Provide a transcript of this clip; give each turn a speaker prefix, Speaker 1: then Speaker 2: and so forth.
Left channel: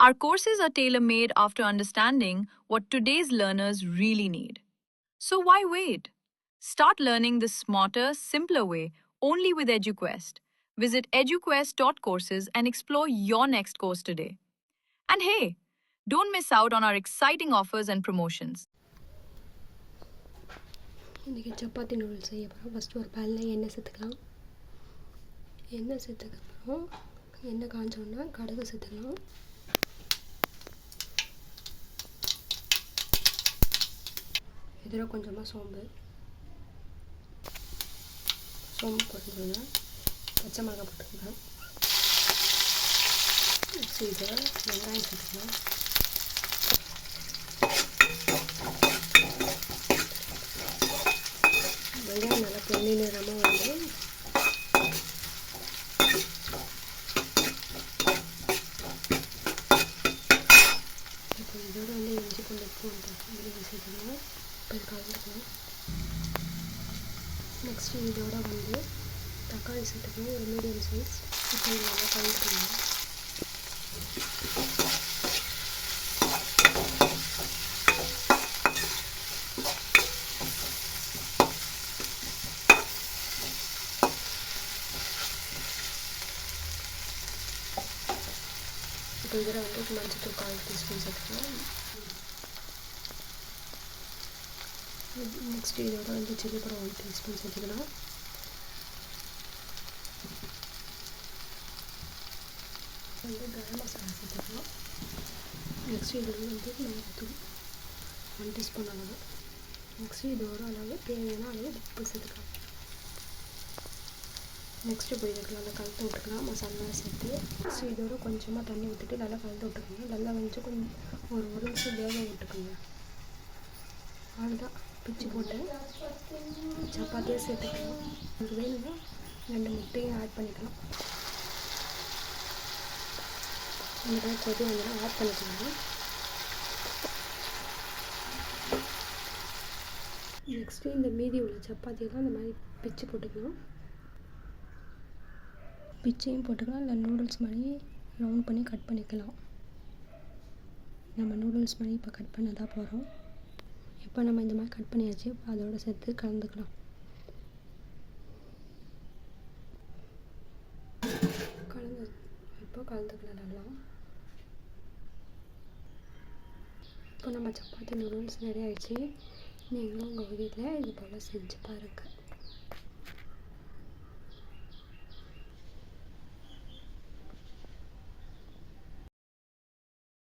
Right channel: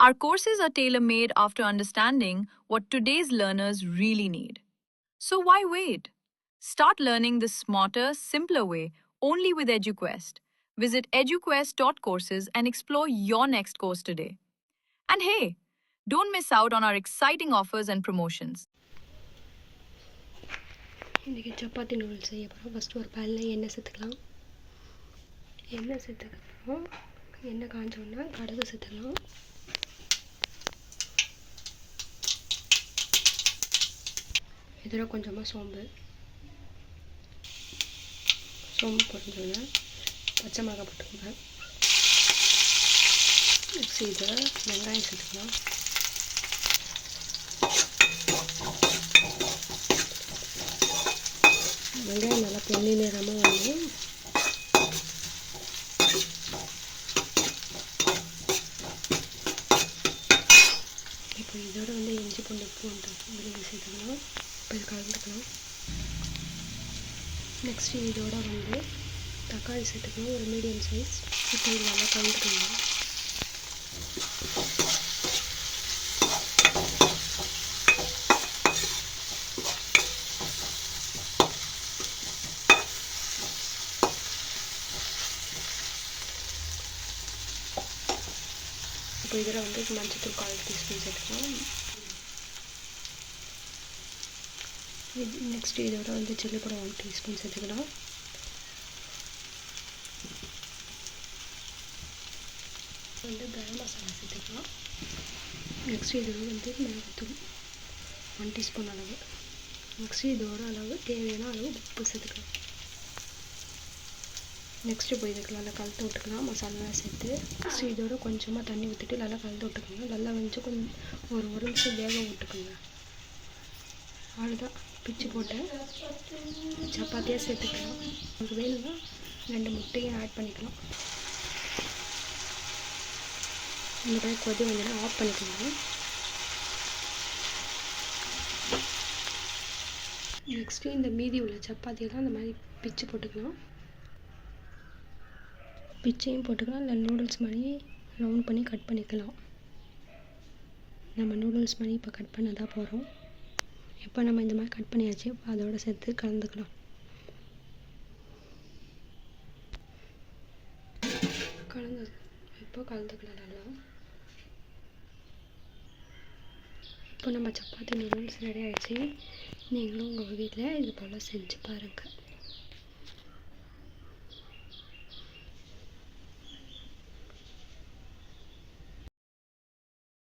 Speaker 1: Our courses are tailor made after understanding what today's learners really need. So why wait? Start learning the smarter, simpler way only with EduQuest. Visit eduquest.courses and explore your next course today. And hey, don't miss out on our exciting offers and promotions.
Speaker 2: இன்றைக்கி chapati noodles செய்ய போகிறோம் first ஒரு பேனில் எண்ணெய் சேர்த்துக்கலாம் எண்ணெய் சேர்த்துக்கப்புறம் எண்ணெய் காஞ்ச உடனே கடுகு சேர்த்துக்கலாம் இதில் கொஞ்சமாக சோம்பு சோம்பு பொரிஞ்சோடனே பச்சை மிளகாய் போட்டுக்கோங்க நெக்ஸ்ட் இதில் வெங்காயம் சேர்த்துக்கலாம் வெங்காயம் நல்லா பொண்ணி நிறமாக வந்து இப்போ இதோட வந்து இஞ்சி பூண்டு பூண்டு விழுது சேர்த்துக்கலாம் இப்போ இது கலந்துக்கலாம் நெக்ஸ்ட்டு இதோட வந்து தக்காளி சேர்த்துக்கணும் ஒரு மீடியம் சைஸ் இப்போ இது நல்லா கலந்துக்கலாம் இப்போ இதில் வந்து மஞ்சத்தூள் கால் டீஸ்பூன் சேர்த்துக்கலாம் இது இதோட வந்து சில்லி படம் ஒன் டீஸ்பூன் சேர்த்துக்கலாம். வந்து கரம் மசாலா சேர்த்துக்கலாம். நெக்ஸ்ட் இதோட வந்து மிளகுத்தூள் ஒன் டீஸ்பூன் அளவு. நெக்ஸ்ட் இதோட அளவு தேவையான அளவு உப்பு சேர்த்துக்கலாம். நெக்ஸ்ட்டு போய் இதுக்கு நல்லா கலந்து விட்டுக்கலாம் மசாலாலாம் சேர்த்து. நெக்ஸ்ட் இதோட கொஞ்சமாக தண்ணி ஊற்றிட்டு நல்லா கலந்து விட்டுக்கோங்க. நல்லா வந்து கொஞ்சம் ஒரு ஒரு நிமிஷம் வேக விட்டுக்கோங்க. அவ்வளோதான் பிச்சு போட்டு சப்பாத்தியாக சேர்த்துக்கலாம். உங்களுக்கு வேணும்னா ரெண்டு முட்டையும் ஆட் பண்ணிக்கலாம். இந்த மாதிரி கொதி வந்துடும் ஆஃப் பண்ணிக்கலாம் நெக்ஸ்ட்டு இந்த மீதி உள்ள சப்பாத்தியெல்லாம் இந்த மாதிரி பிச்சு போட்டுக்கலாம். பிச்சையும் போட்டுக்கலாம். இல்லை நூடுல்ஸ் மாதிரி ரவுண்ட் பண்ணி கட் பண்ணிக்கலாம். நம்ம நூடுல்ஸ் மாதிரி இப்போ கட் பண்ண தான் போகிறோம் இப்போ நம்ம இந்த மாதிரி கட் பண்ணியாச்சு இப்போ அதோட சேர்த்து கலந்துக்கலாம். கலந்து இப்போ கலந்துக்கலாம் நல்லா. இப்போ நம்ம சப்பாத்தி நூடுல்ஸ் ரெடி ஆகிடுச்சு நீங்களும் உங்கள் வீட்டில் இது போல் செஞ்சு பாருங்கள்